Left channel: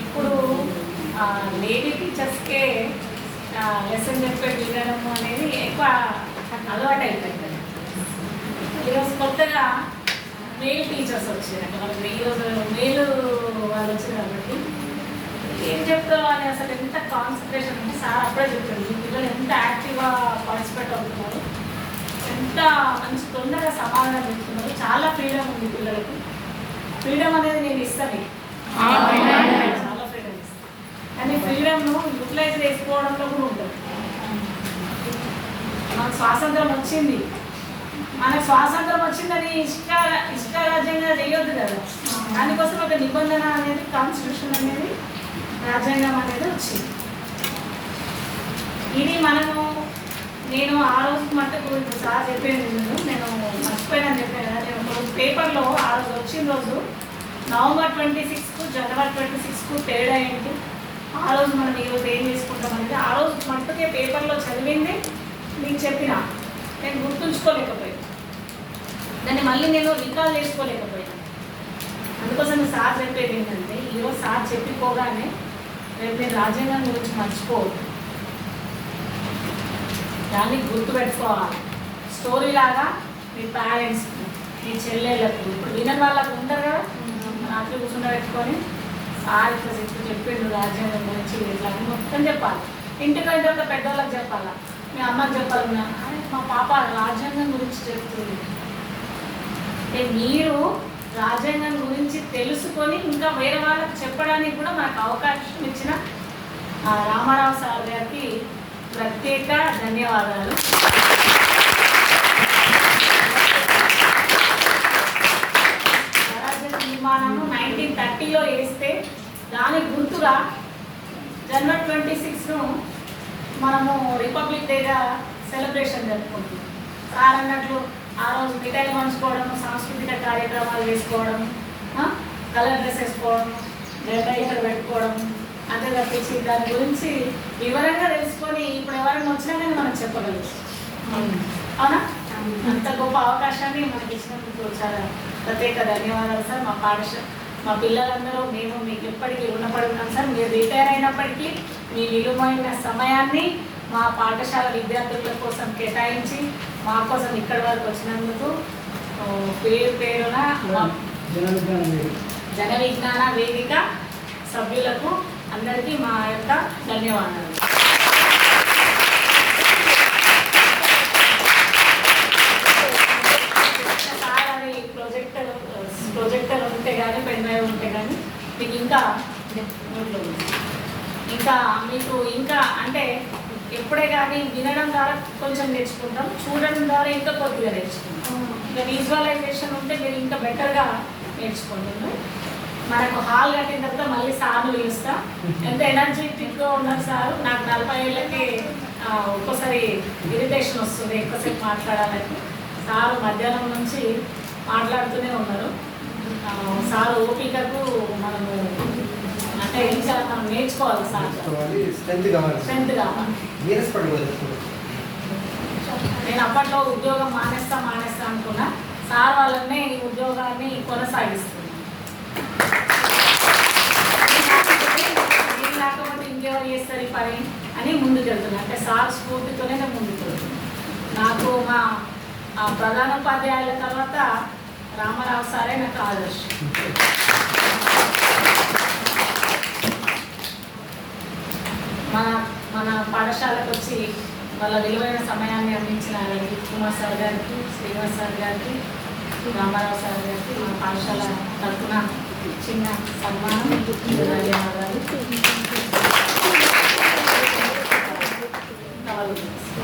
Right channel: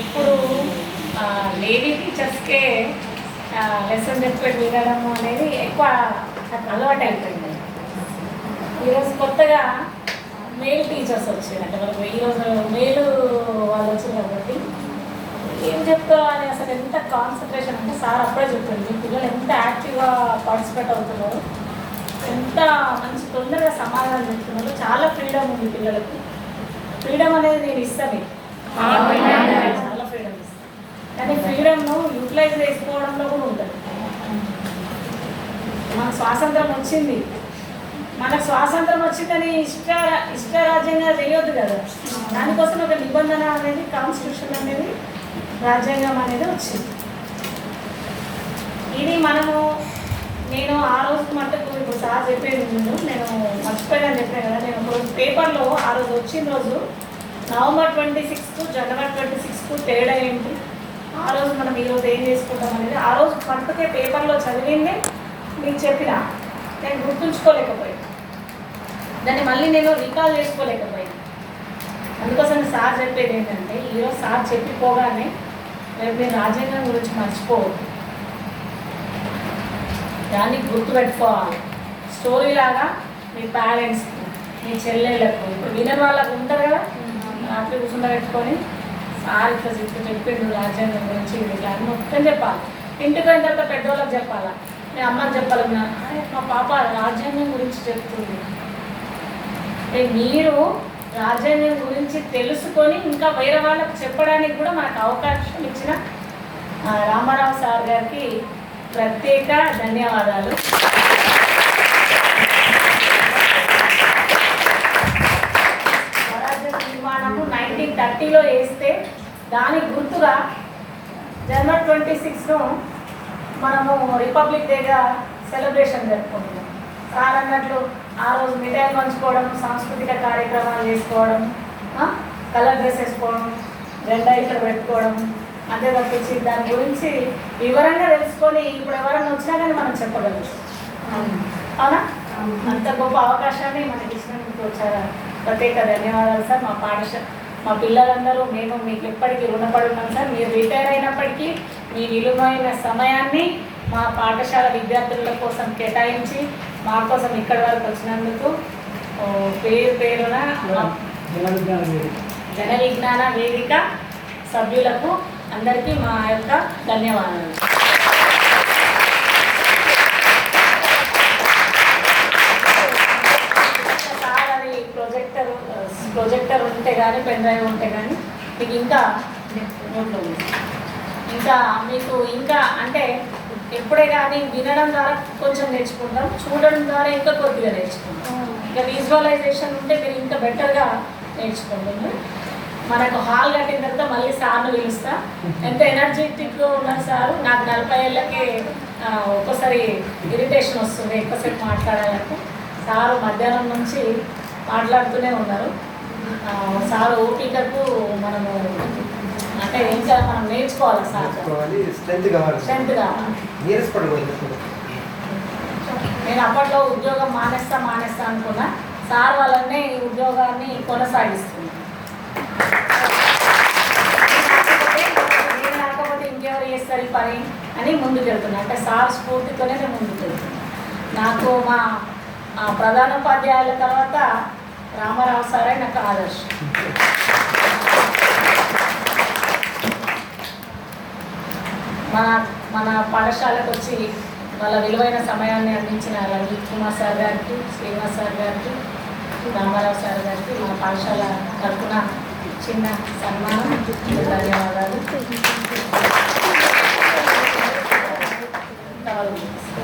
ఎప్పుడు lady టీచర్స్కే lesson చెప్పేది వినడం అనేది ఎక్కువ అలవాటు అయిపోయింది ఈరోజు కొత్తగా మేల్ టీచర్స్ వచ్చిందంటే. మనకు ఈరోజు మేలు వాళ్ళు వచ్చారు కాబట్టి ఏం చెప్తారో అని అసలు ఎంత కాన్సన్ట్రేషన్ అంటే సార్ అప్పుడే చెప్పారు. మీ పిల్లలు ఎంత యాక్టివ్గా పార్టిసిపేట్ అవుతున్నారు? ఎంత మంచి తొందరగా సమాధానం చెప్తున్నారు? చాలా ఫ్రీడమ్ ఉంది పిల్లలకి. ఫ్రీడమ్ అనేది నేను ఇస్తాను చాలా ఫ్రీడమ్ ఇస్తాను కానీ ఫ్రీడమ్ను యూటిలైజ్ చేసుకోవడంలో కూడా ఉంటుంది మనకు స్వాతంత్రం వచ్చింది. మనకు స్వాతంత్రం వచ్చిందని ఇష్ట ఇష్టరాజ్యంగా చేయొద్దు కదా. దానికోసం ఒక నిబంధన అనేది కాన్స్టిట్యూషన్ అనేది రాజ్యాంగం అనేది వచ్చింది. ఇది మనము నేను ఆ రోజు మట్టుకు ఇప్పుడు సార్ చెప్పేది నేను నేను మర్చిపోయానని చెప్పాను కదా. నేను పేపర్లో ఆ రోజు వచ్చిన రోజు November twenty sixth January twenty sixth తేడా ఏంటి? ఆ రోజు మనం ఈరోజు ఏం చేసుకుంటాం అనేది ఆ రోజు మట్టుకే పేపర్లో చదివింది మీకు చెప్పిన. నేను గుర్తుంచుకోలేకపోయాను. దాన్ని మళ్ళీ నేను రికాల్ చేసుకోలేకపోయాను. అందుకోసం సార్ చెప్పేది ఏంటంటే ఈరోజు సార్ చెప్పిపోగానే రేపు నేను రాజ్యాంగం గురించి మర్చిపోవద్దు. దాన్ని గుర్తుపెట్టుకోవాలి. స్టోరీ లాగా మీ పేరెంట్స్కి మీ చెల్లెళ్ళకు. ఇప్పుడు వినర్ వాళ్ళకు ఉంటారు కదా? రాత్రి కూర్చుండబెట్టుకొని సార్ ఇట్లా చెప్పిండు రాజ్యాంగం గురించి ఇట్లా అని మొత్తం చెప్పాలి. ఇంటికి అయిన పెద్దవాళ్ళకి చెప్పాలా? మీ అమ్మకి చెప్పాలి? మా పాప రాజ్యాంగం గురించి చెప్తుంది. మీరు రాజ్యాంగం గురించి తెలుసుకొని ఇంకా వేరే వాళ్ళకి చెప్పడానికి కూడా మనకు అవకాశం ఇచ్చిన రామారావు సార్ గారికి ప్రత్యేక ధన్యవాదాలు. దానికి గుర్తుగా జనవరి ట్వంటీ సిక్స్ను మనము రిపబ్లిక్ డేగా సెలబ్రేషన్ జరుపుకుంటున్నాం. సార్ అన్నట్లు ఆ రోజు మిఠాయిలు పంచుకోవడం సాంస్కృతిక కార్యక్రమాలు చేసుకోవడం కలర్ డ్రెస్ వేసుకోవడం జెండా ఇట్లా పెట్టుకోవడం అంతే తప్పించి దాని గురించి వివరంగా తెలుసుకొని ఇప్పుడు ఎవరైనా వచ్చినా కానీ మనం చెప్పగలం. అవునా? అంత గొప్ప అవకాశాన్ని మనకి ఇచ్చినందుకు చాలా ప్రత్యేక ధన్యవాదాలు సార్. మా పాఠశాల మా పిల్లలందరూ మేము మీకు ఎప్పటికీ రుణపడి ఉన్నాం సార్. మీరు రిటైర్ అయినప్పటికీ మీ విలువైన సమయాన్ని మా పాఠశాల విద్యార్థుల కోసం కేటాయించి మా కోసం ఇక్కడి వరకు వచ్చినందుకు పేరు పేరున జన విజ్ఞాన వేదిక సభ్యులకు అందరికీ మా యొక్క ధన్యవాదాలు సార్ అది ప్రొజెక్టర్ ప్రొజెక్టర్ ఉంటే కానీ పెన్ డ్రైవ్ ఉంటే కానీ మీకు ఇంకా నోట్లో ఉంది. ఇంకా మీకు ఇంకా అంటే ఎప్పుడే కానీ వినడం ద్వారా కొంచెం నేర్చుకుంటాం చూడడం ద్వారా ఇంకా కొద్దిగా నేర్చుకుంటాం. ఇంకా విజువలైజేషన్ ఉంటే మీరు ఇంకా బెటర్గా నేర్చుకుంటాము. మనకు హాల్ కట్టిన తర్వాత మళ్ళీ సార్ను పిలుస్తా. ఎంత ఎనర్జెటిక్గా ఉన్నారు సార్? నాకు నలభై ఏళ్ళకి ఒక్కసారి ఒక్కోసారి ఇరిటేషన్ వస్తుంది ఎక్కువసేపు మాట్లాడాలంటే. సారు మధ్యాహ్నం నుంచి మాట్లాడుతూనే ఉన్నారు. సారు మనము అంటే ఏం చేయాలి మనం నేర్చుకోవాలి సార్. స్ట్రెంత్ కావాలి. స్ట్రెంత్ కావాలి. నీరస పడకూడదు నేను అప్పట్లో ఉద్యోగం మానేస్తా మానేస్తా అనుకున్నా. సార్ వాళ్ళనే ఈ ఉద్యోగాన్ని కొనసాగిస్తున్నాను నేను లేకపోతే ఇంకెవరు చేస్తారు ఈ పని అని ముందుకు వెళ్తున్నా అంటే సార్ స్ఫూర్తితోనే నేను ముందుకు వెళ్తున్నా నాకు మా ప్రధానోపాధ్యాయుల తర్వాత రామారావు సారే నాకు ఆదర్శ. మన మన పాఠశాలకు వచ్చి వాళ్ళ విలువైన సమయాన్ని అందించిన రవి కుమార్ సార్ గారికి శ్రీనివాస్ సార్ గారికి రామారావు సార్ గారికి మన పాఠశాల తరఫున చిన్న సన్మానం. ధన్యవాదాలు.